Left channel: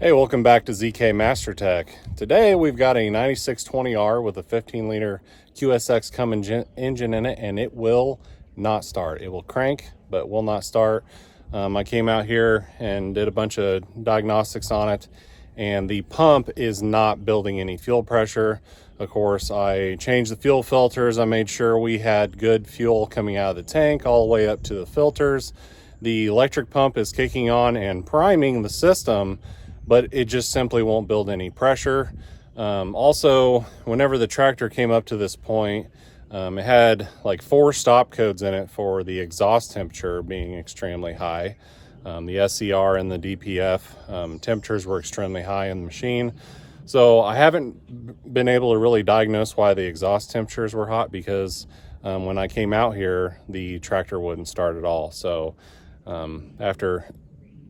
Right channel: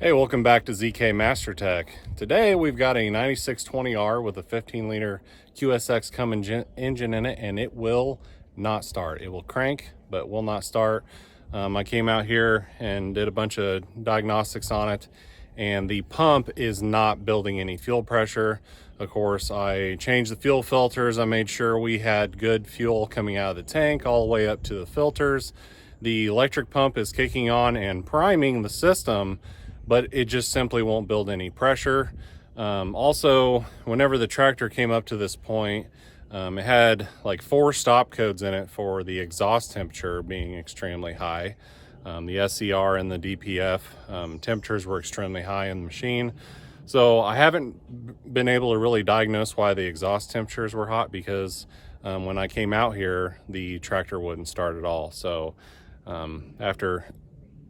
Hey, welcome back to ZK Master Tech. Today we've got a 9620R with a 15-liter QSX Cummins engine in it, and it will not start. It will crank, but will not start. I came out here and did a bunch of diagnostics on it, and the pump is not building any fuel pressure. Of course, I changed the fuel filters. I made sure we had good fuel coming out of the tank all the way up to the filters. The electric pump is kicking on and priming the system, but it just simply won't build any pressure. Also, whenever the tractor came up to this point, it had like 4 stop codes in it for the exhaust temperature being extremely high. The SCR and the DPF temperatures were extremely high in the machine. So I haven't been able to really diagnose why the exhaust temperatures were hot, because when I came out here, the tractor wouldn't start at all. So after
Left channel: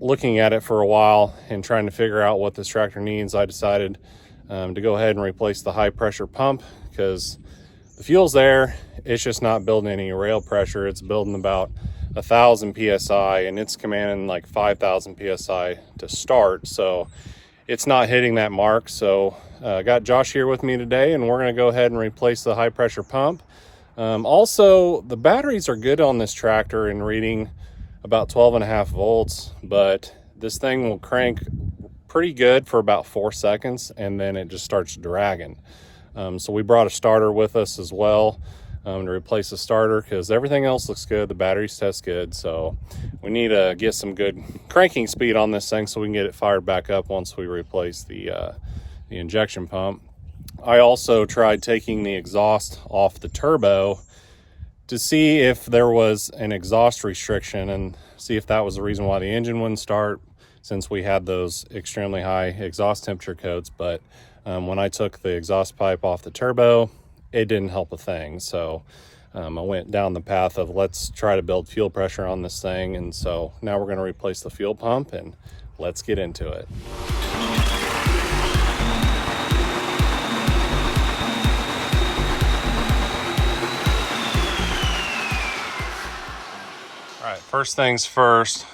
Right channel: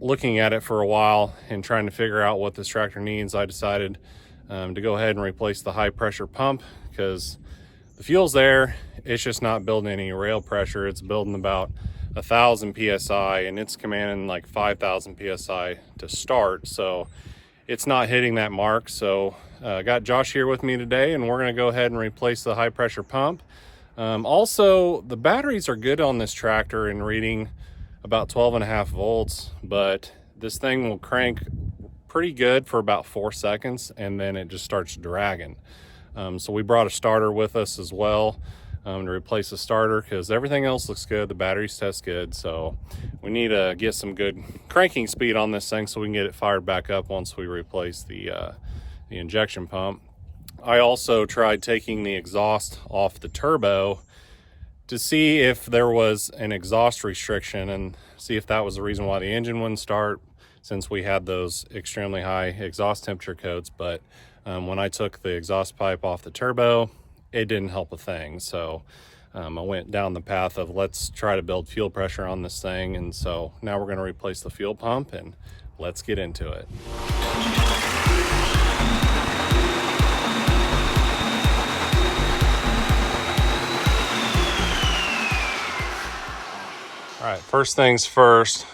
looking at it for a while and trying to figure out what this tractor needs, I decided to go ahead and replace the high pressure pump, because the fuel's there, it's just not building any rail pressure. It's building about 1,000 psi, and it's commanding like 5,000 psi to start, so it's not hitting that mark. So I got Josh here with me today, and we're going to go ahead and replace the high pressure pump. Also, the batteries are good on this tractor and reading about 12.5 volts, but this thing will crank pretty good for about 4 seconds, and then it just starts dragging. So we brought a starter with us as well to replace the starter, because everything else looks good. The batteries test good, so we need to get some good cranking speed on this thing so we can get it fired back up once we replace the injection pump. I also tried taking the exhaust off the turbo to see if there was an exhaust restriction and see if that was the reason why the engine wouldn't start, since we had those extremely high exhaust temperature codes. But when I took the exhaust pipe off the turbo, it didn't help a thing. So I went down the path of let's try to build fuel pressure on this thing. And so now we're going to replace the fuel pump, and let's get into it. All right, first things first,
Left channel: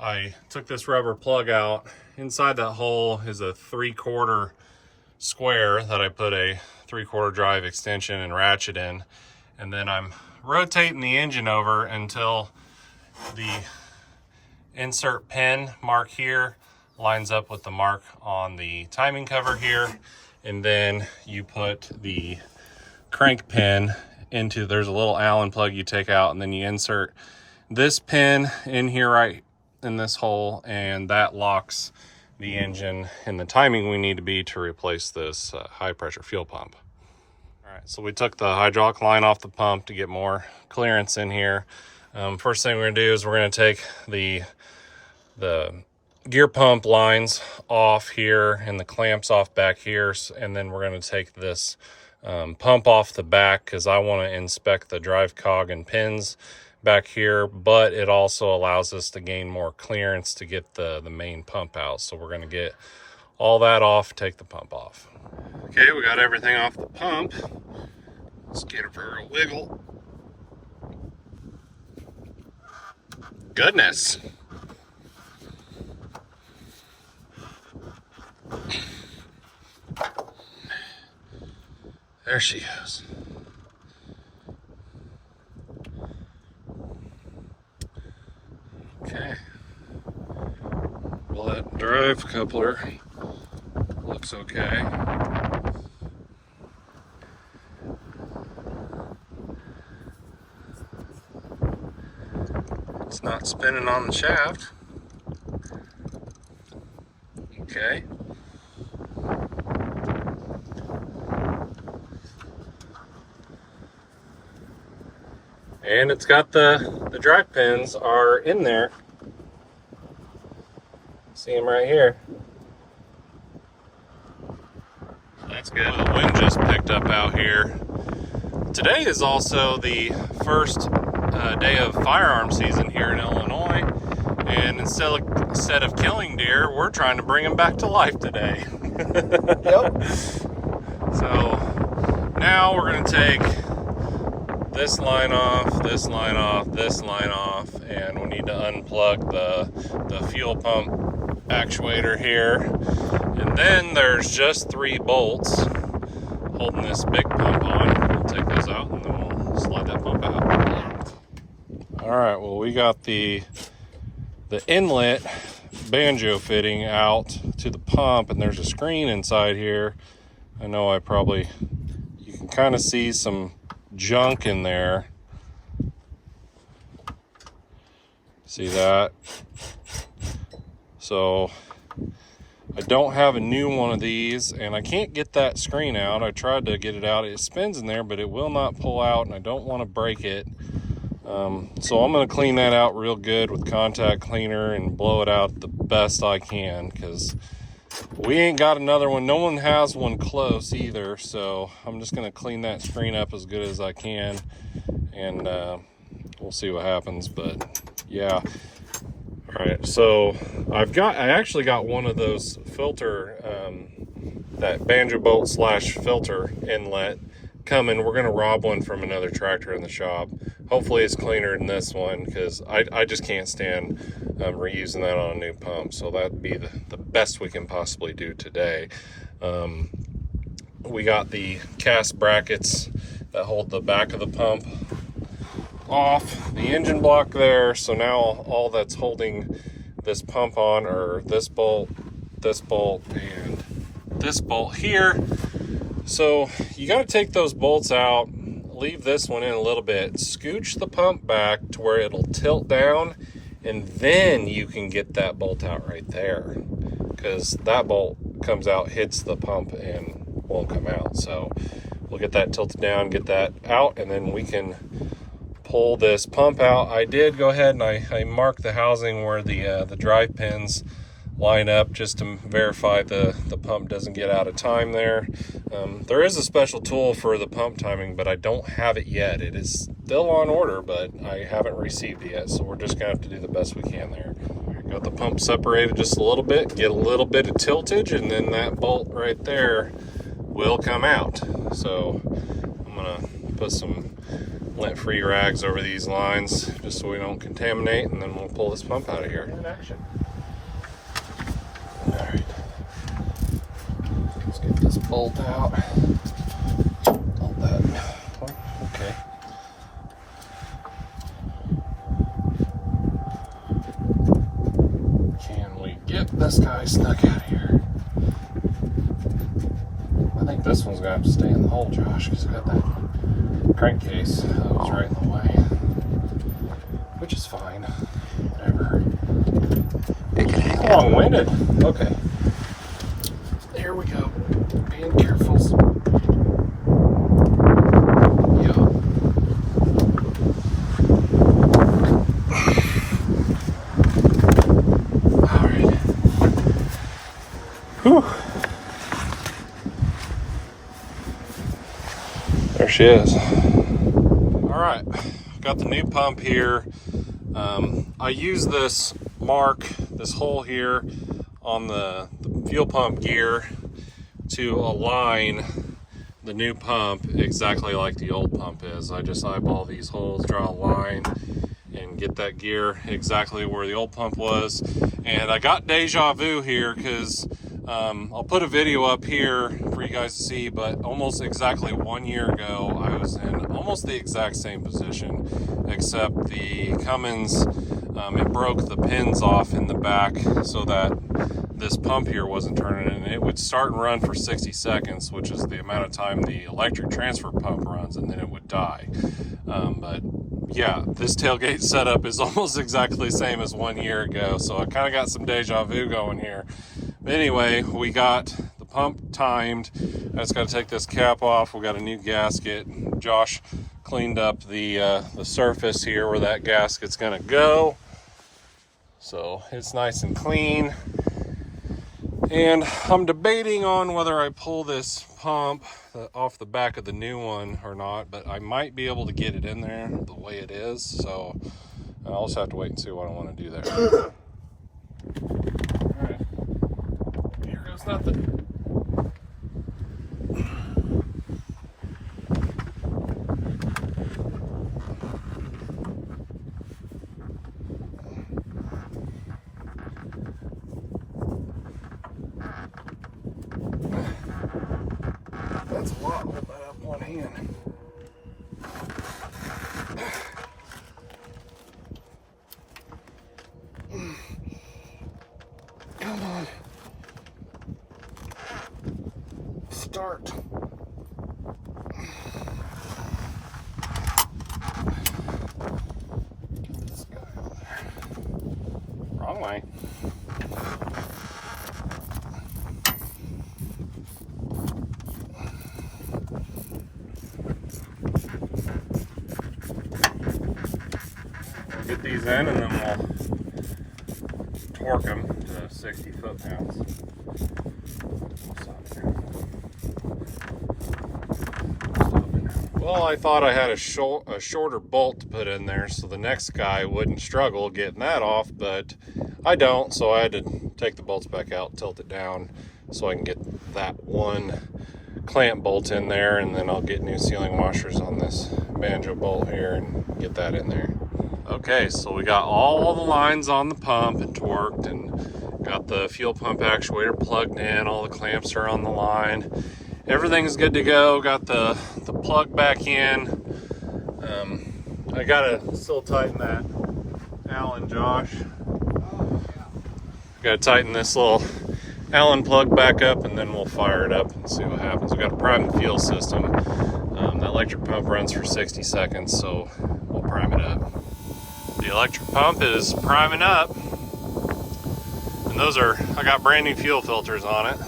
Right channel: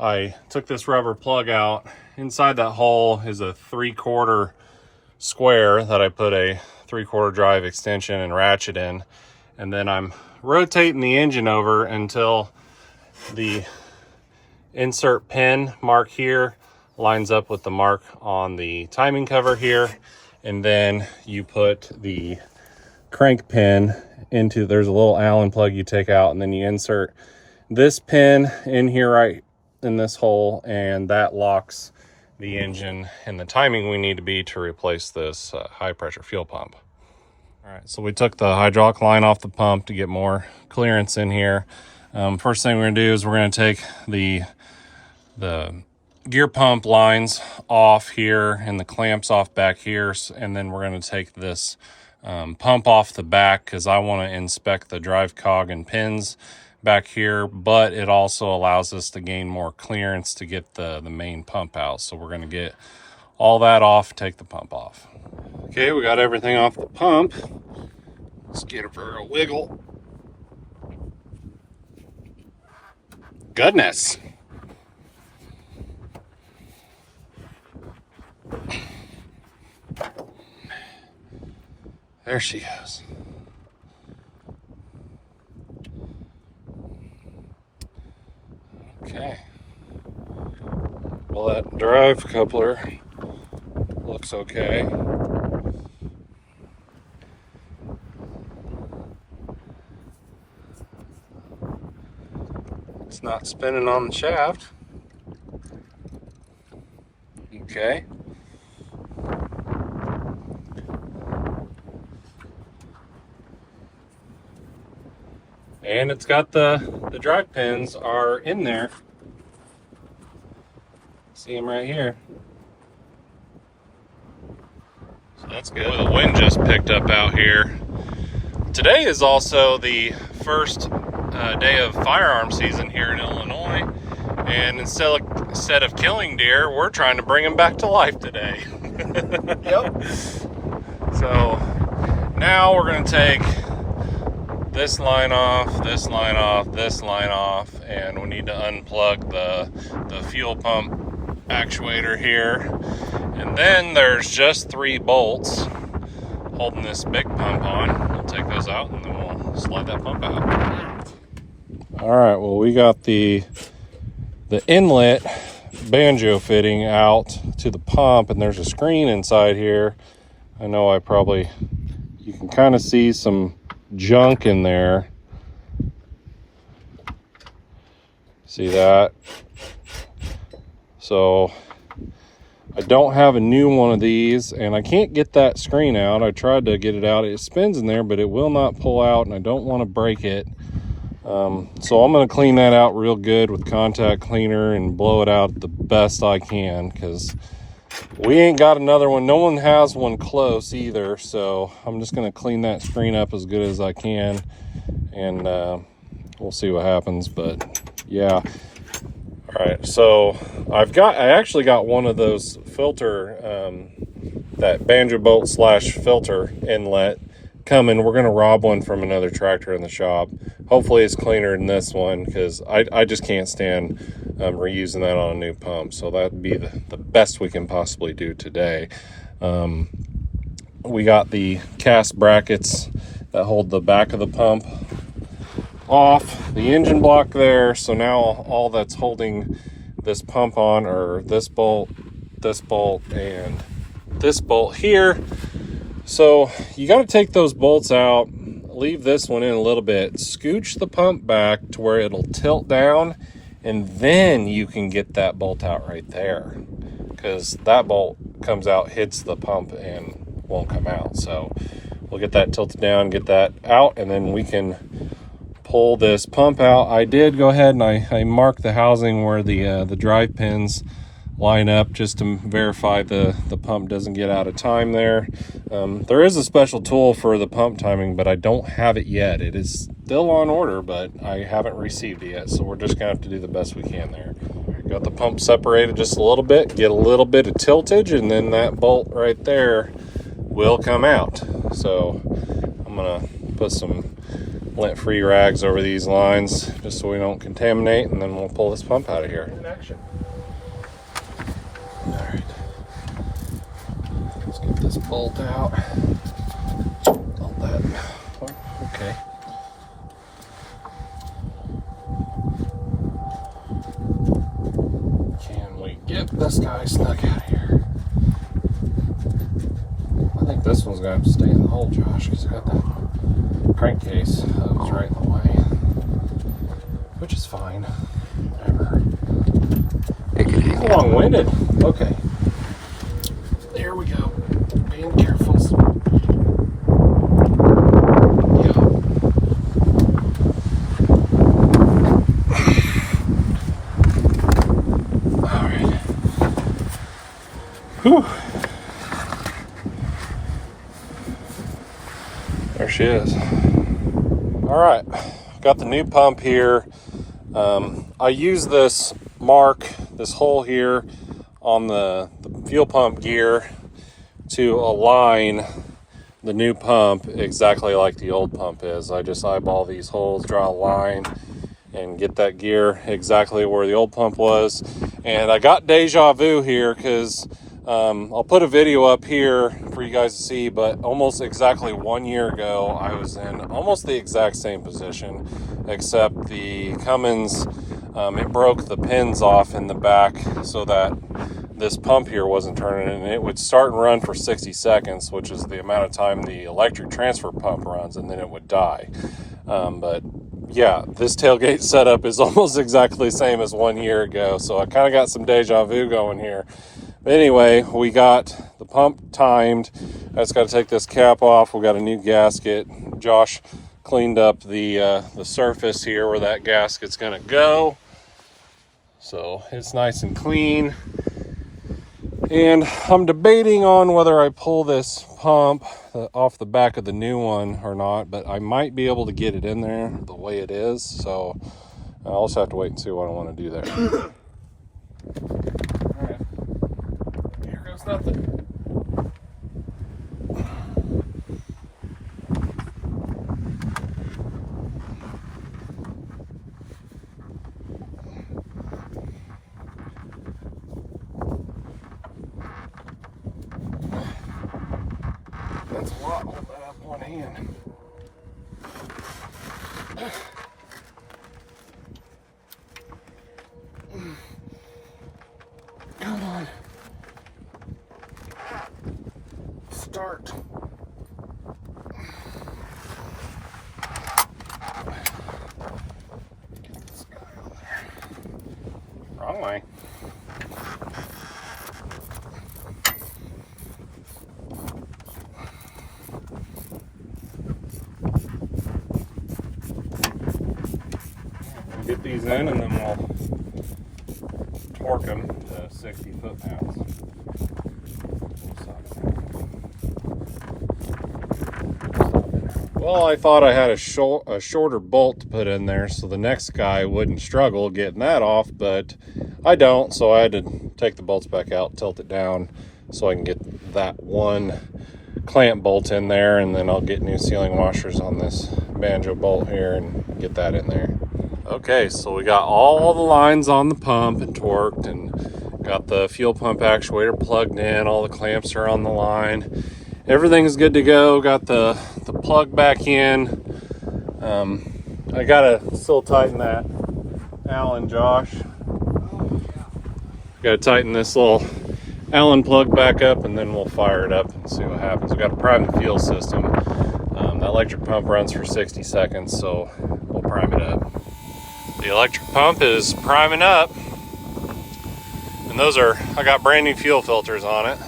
I took this rubber plug out. Inside that hole is a 3/4 square that I put a 3/4 drive extension and ratchet in. And then I'm rotating the engine over until the insert pin mark here lines up with the mark on the timing cover here. And then you put the crank pin into, there's a little Allen plug you take out, and then you insert this pin in here right in this hole, and that locks the engine and the timing we need to be to replace this high pressure fuel pump. All right, so we took the hydraulic line off the pump to get more clearance in here. First thing we're gonna do is we're gonna take the gear pump lines off here and the clamps off back here, and then we're gonna take this pump off the back, because I want to inspect the drive cog and pins back here, but it also allows us to gain more clearance to get the main pump out. So we're going to get all that off, take the pump off. Okay, we got everything off the pump. Let's get it for a wiggle. Goodness. There she goes. Okay. Well, that drive coupler looks okay. It's not spinning on the shaft. Okay. And it's got the drive pins are in there. See them right here. So that's good. The wind just picked up out here. Today is also the first day of firearm season here in Illinois. And instead of killing deer, we're trying to bring them back to life today. Yep. So now we're going to take this line off, this line off, this line off, and we need to unplug the fuel pump actuator here. And then there's just 3 bolts holding this big pump on. We'll take those out and then we'll slide that pump out. All right, well, we got the inlet banjo fitting out to the pump, and there's a screen inside here. I know you can kind of see some junk in there. See that? So I don't have a new one of these, and I can't get that screen out. I tried to get it out. It spins in there, but it will not pull out, and I don't want to break it. So I'm going to clean that out real good with contact cleaner and blow it out the best I can, because we ain't got another one. No one has one close either, so I'm just going to clean that screen up as good as I can, and we'll see what happens. But yeah. All right, so I actually got one of those filter, that banjo bolt / filter inlet coming. We're going to rob one from another tractor in the shop. Hopefully it's cleaner than this one, because I just can't stand reusing that on a new pump. So that'd be the best we can possibly do today. We got the cast brackets that hold the back of the pump off the engine block there. So now all that's holding this pump on are this bolt, and this bolt here. So you got to take those bolts out, leave this one in a little bit, scooch the pump back to where it'll tilt down, and then you can get that bolt out right there, because that bolt comes out, hits the pump, and won't come out. So we'll get that tilted down, get that out, and then we can pull this pump out. I did go ahead and I marked the housing where the drive pins line up, just to verify the pump doesn't get out of time there. There is a special tool for the pump timing, but I don't have it yet. It is still on order, but I haven't received it yet, so we're just gonna have to do the best we can there. Got the pump separated just a little bit, get a little bit of tiltage, and then that bolt right there will come out. So I'm gonna put some lint-free rags over these lines just so we don't contaminate, and then we'll pull this pump out of here. In action. All right. Let's get this bolt out. All that. Okay. Can we get this guy snuck out of here? I think this one's gonna have to stay in the hole, Josh, because I got that crankcase that was right in the way, which is fine. Whatever. He's long-winded. Okay. There we go. Being careful. Yeah. All right. Whew. There she is. All right, got the new pump here. I use this hole here on the fuel pump gear to align the new pump exactly like the old pump is. I just eyeball these holes, draw a line, and get that gear exactly where the old pump was. And I got deja vu here, because I'll put a video up here for you guys to see, but almost exactly 1 year ago, I was in almost the exact same position, except the Cummins, it broke the pins off in the back so that this pump here wasn't turning, and it would start and run for 60 seconds, which is the amount of time the electric transfer pump runs, and then it would die. But yeah, this tailgate setup is almost exactly the same as 1 year ago, so I kind of got some deja vu going here. But anyway, we got the pump timed. I just got to take this cap off. We got a new gasket. Josh cleaned up the surface here where that gasket's gonna go, so it's nice and clean. And I'm debating on whether I pull this pump off the back of the new one or not, but I might be able to get it in there the way it is, so I'll also have to wait and see what I want to do there. All right, here goes nothing. That's a lot with that up one hand. Come on. Start. Get this guy on there. Wrong way. Get these in and then we'll torque them to 60 foot-pounds. Well, I thought I had a shorter bolt to put in there so the next guy wouldn't struggle getting that off, but I don't, so I had to take the bolts back out, tilt it down so I can get that one clamp bolt in there, and then I'll get new sealing washers on this banjo bolt here and get that in there. Okay, so we got all the lines on the pump and torqued, and got the fuel pump actuator plugged in, all the clamps are on the line. Everything's good to go. Got the plug back in. I gotta still tighten that Allen, Josh. Gotta tighten this little Allen plug back up, and then we'll fire it up and see what happens. We gotta prime the fuel system. That electric pump runs for 60 seconds, so we'll prime it up. The electric pump is priming up, and those are, I got brand new fuel filters on it.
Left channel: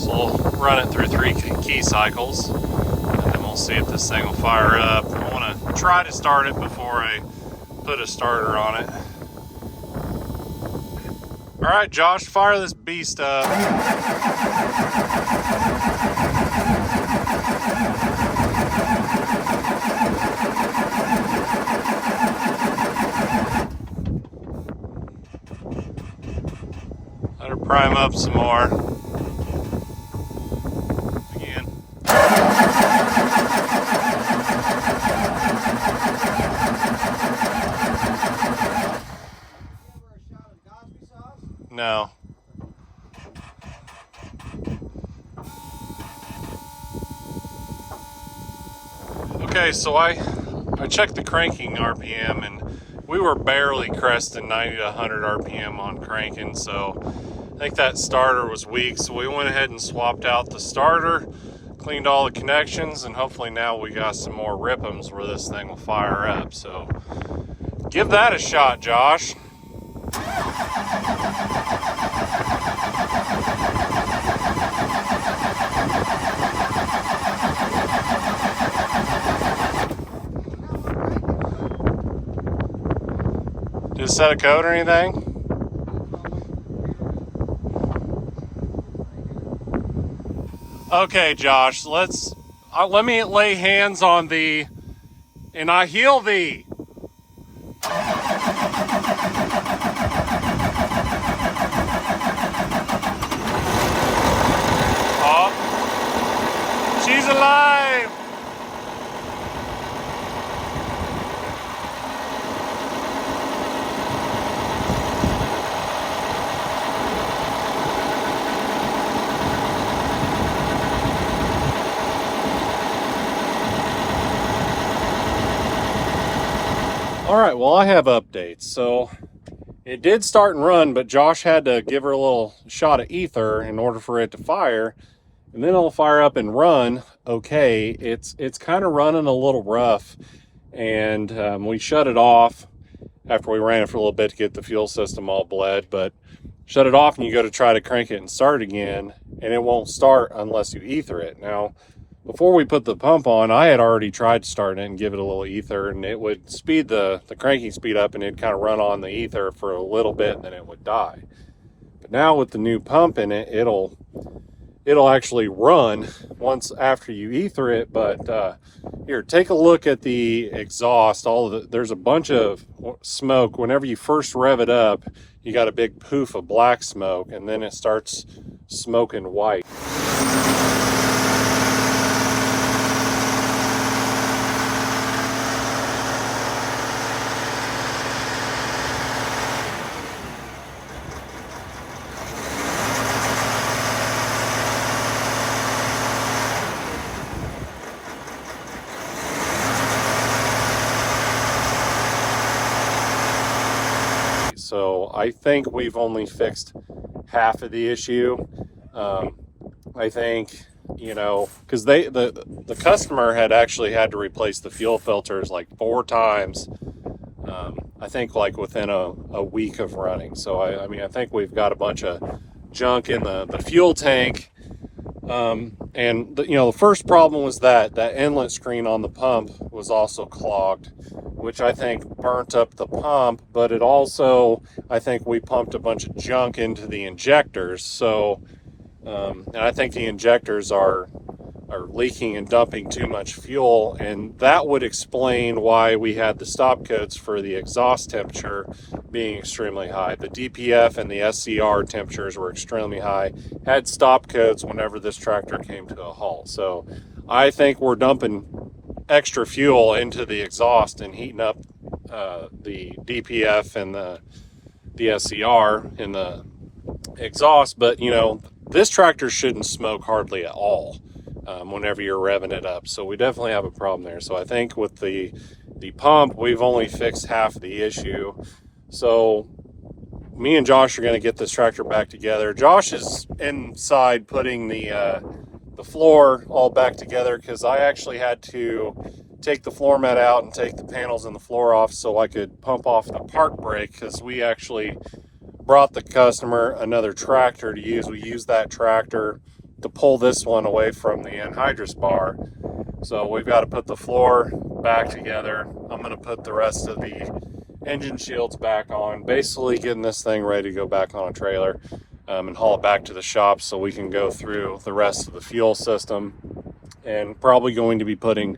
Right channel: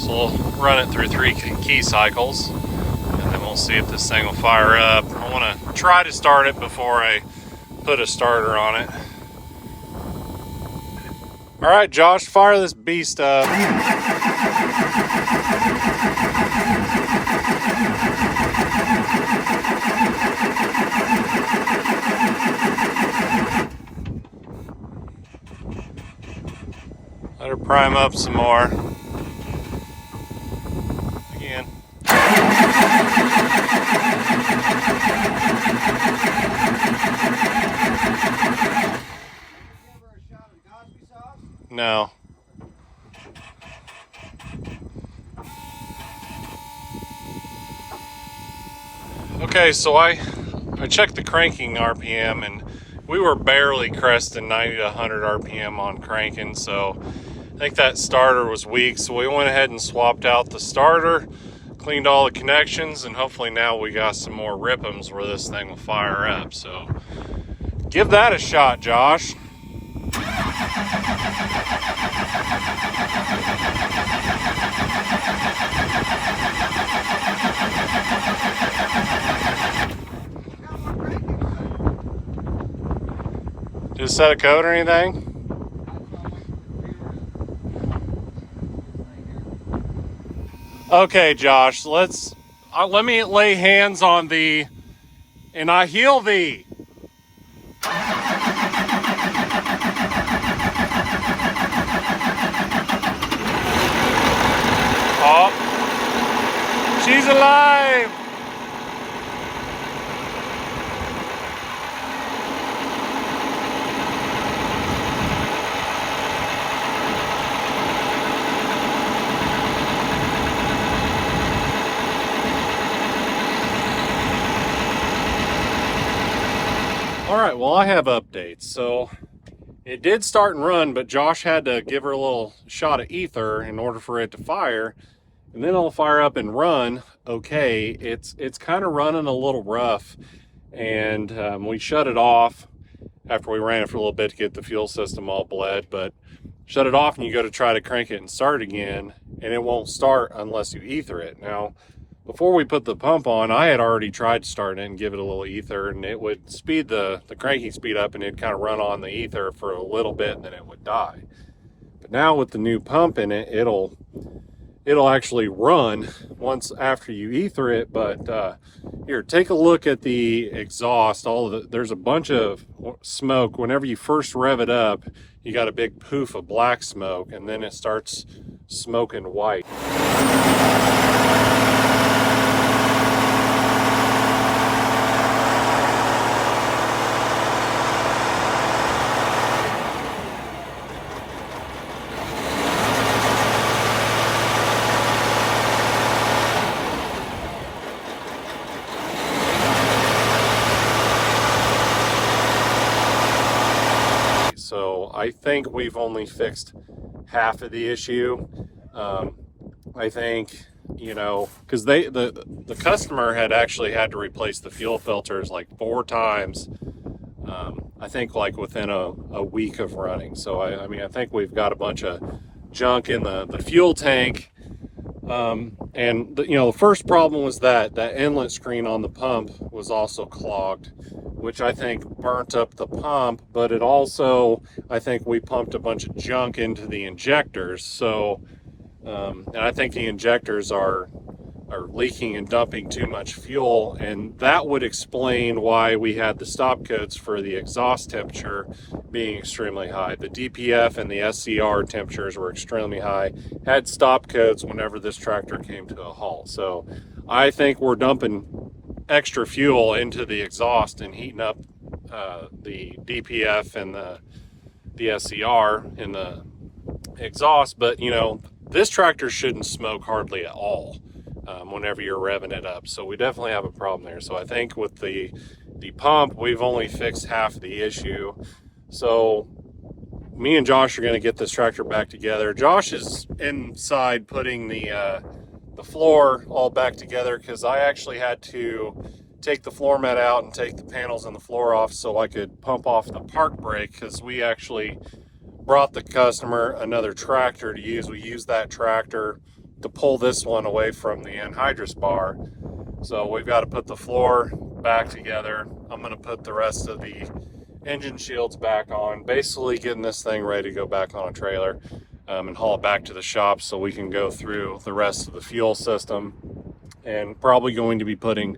So we'll run it through 3 key cycles, and then we'll see if this thing will fire up. I want to try to start it before I put a starter on it. All right, Josh, fire this beast up. Let her prime up some more. Again. No. Okay, so I checked the cranking RPM, and we were barely cresting 90 to 100 RPM on cranking, so I think that starter was weak, so we went ahead and swapped out the starter, cleaned all the connections, and hopefully now we got some more rip'ems where this thing will fire up. So give that a shot, Josh. Did it set a code or anything? Okay, Josh, let me lay hands on thee, and I heal thee. Oh, she's alive. All right, well, I have updates. So it did start and run, but Josh had to give her a little shot of ether in order for it to fire, and then it'll fire up and run. Okay, it's kind of running a little rough, and we shut it off after we ran it for a little bit to get the fuel system all bled, but shut it off and you go to try to crank it and start again, and it won't start unless you ether it. Now, before we put the pump on, I had already tried to start it and give it a little ether, and it would speed the cranking speed up, and it'd kind of run on the ether for a little bit, and then it would die. But now with the new pump in it, it'll actually run once after you ether it. But here, take a look at the exhaust. There's a bunch of smoke. Whenever you first rev it up, you got a big poof of black smoke, and then it starts smoking white. So I think we've only fixed half of the issue. I think, you know, because the customer had actually had to replace the fuel filters like 4 times. I think like within a week of running. So I mean, I think we've got a bunch of junk in the fuel tank. And you know, the first problem was that inlet screen on the pump was also clogged, which I think burnt up the pump, but it also, I think we pumped a bunch of junk into the injectors. So, and I think the injectors are leaking and dumping too much fuel, and that would explain why we had the stop codes for the exhaust temperature being extremely high. The DPF and the SCR temperatures were extremely high, had stop codes whenever this tractor came to a halt. So I think we're dumping extra fuel into the exhaust and heating up the DPF and the SCR in the exhaust. But you know, this tractor shouldn't smoke hardly at all whenever you're revving it up. So we definitely have a problem there. So I think with the pump, we've only fixed half the issue. So me and Josh are going to get this tractor back together. Josh is inside putting the floor all back together, because I actually had to take the floor mat out and take the panels and the floor off so I could pump off the park brake, because we actually brought the customer another tractor to use. We used that tractor to pull this one away from the anhydrous bar. So we've got to put the floor back together. I'm going to put the rest of the engine shields back on, basically getting this thing ready to go back on a trailer and haul it back to the shop so we can go through the rest of the fuel system, and probably going to be putting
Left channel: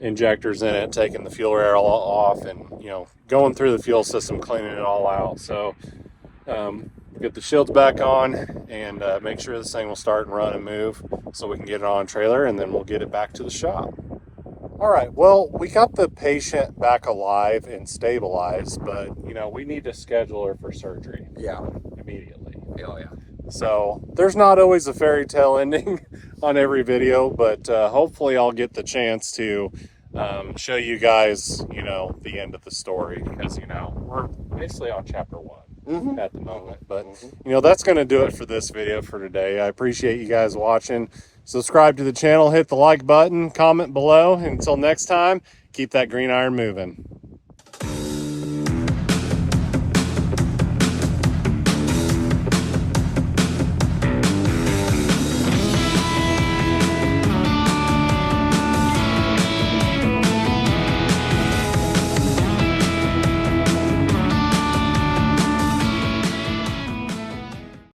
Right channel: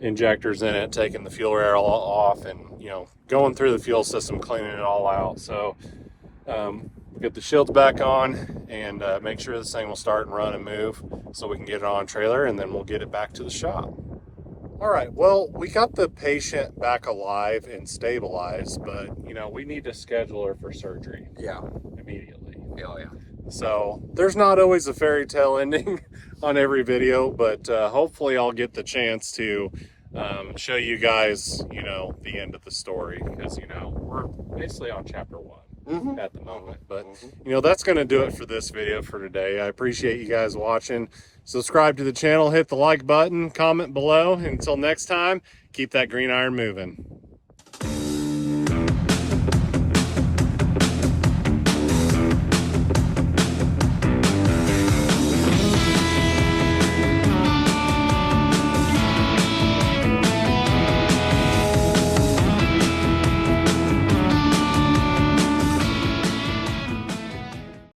injectors in it, taking the fuel rail off, and you know, going through the fuel system, cleaning it all out. So get the shields back on and make sure this thing will start and run and move so we can get it on a trailer, and then we'll get it back to the shop. All right, well, we got the patient back alive and stabilized, but you know, we need to schedule her for surgery. Yeah. Immediately. Oh, yeah. So there's not always a fairy tale ending on every video, but hopefully I'll get the chance to show you guys, you know, the end of the story, because you know, we're basically on chapter 1 at the moment. But you know, that's going to do it for this video for today. I appreciate you guys watching. Subscribe to the channel, hit the like button, comment below. Until next time, keep that green iron moving.